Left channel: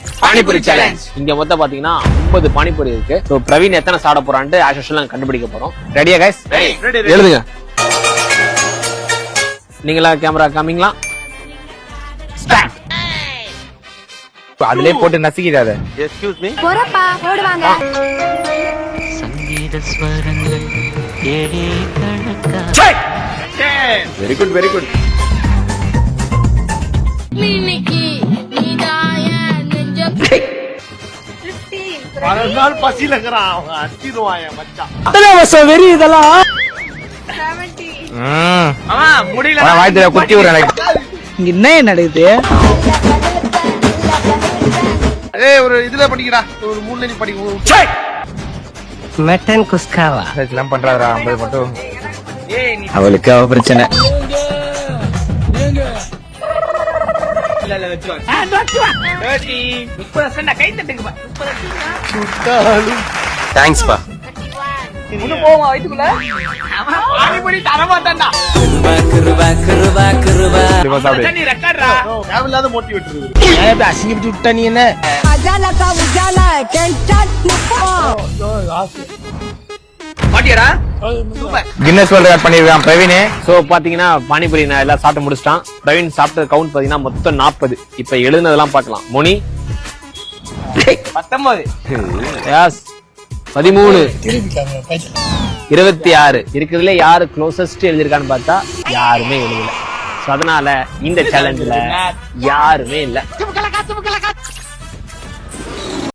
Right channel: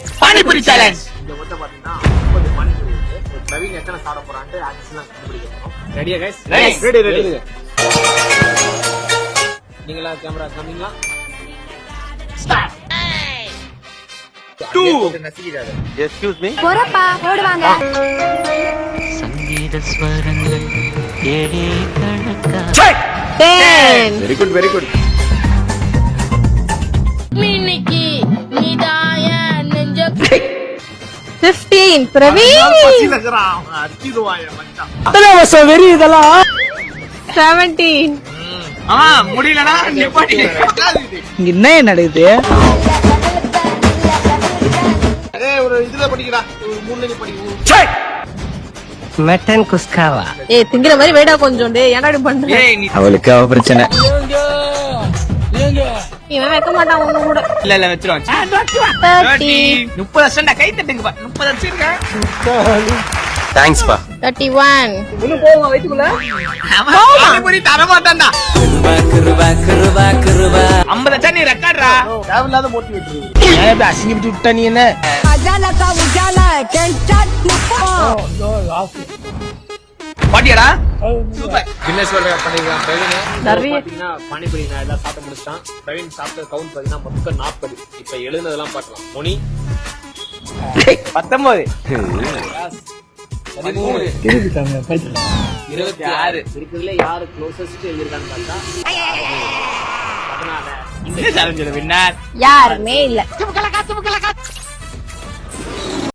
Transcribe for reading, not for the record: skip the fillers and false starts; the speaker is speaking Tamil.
பானிபூரி சேலஞ்ச். இங்க மொத்தம் பாத்தீங்கன்னா 50 பானிபூரி இருக்கு. சோ பிரவீன் எத்தனை சாப்பிட போறான்ட்டு ஆஸ் யூசுவல் கண்டுபிடிக்க போறோம். ரெடியா கைஸ்? எழுதுங்க. நீங்களா கேமரா காமிங்களா? ஸ்டார்ட். அதுலயே போட்டு நசிக்கிடாத. Excuse me. போறப்பா ஓடுவாங்க. சங்கீத ஸ்வரங்கள் ஏழே கணக்கா. 10. Very good very good. மினிக்கி நீதாய நெஞ்ச 15 பிரவீன். அடிடுவாங்க மச்சான். 17. முடியல. வாய்ல குத்தி விடுறேன். இங்க என்ன நடக்குது? அதே ஒரு இதுல படிக்கடா. ஒரு மூணுல நீ படிக்க. மட்டன் குஸ்காவா? ஏய் திங்கிற மாதிரி வேடா கொஞ்சம் டேய் என்னடி பண்ற? அவளுக்கு அவ பிரச்சனை. இவன் வைக்க மாட்டான் உங்க கூட. இல்ல இல்ல வெச்சுறோம். 30. 30% கை தட்டுங்க பா. 30%. தேங்க்ஸ் பா. 31. உள்ள போவா வயித்துக்குள்ள. அவன் பண்ணி தர மாட்டான்டா. குருவா குருவா குருவா. நீ ரெக்கார்ட்ரா. தேவையில்லாத மோட்டி விட்டுரு. ஏன் அசிங்கப்பட்டு விட்டா நீ என்ன? அஜாலா கா உஜாலா கேன் ஸ்டார்ட் நிப்போ. பாட்டியாடா? கின்னஸ் வேர்ல்ட் ரெக்கார்ட் பண்ணிருக்கான் பிரவீன். சோ பாத்தீங்கன்னா பானிபூரி நான் எல்லாம் சாப்பிட்டு முடிச்சிட்டான். பிரவீன் சாப்பிட்ட கவுண்ட் பாத்தீங்கன்னா மொத்தம் 40. இப்ப எழுதுனதெல்லாம் பார்க்கலாம். மோனி 19. எஸ் 13. 26. இருக்கிறதுல யாரு க்ளோசஸ்ட் எழுதிருக்கான்னு பார்த்தா யாருமே எழுதல. அதனால இந்த சேலஞ்சில் யாருமே இல்ல.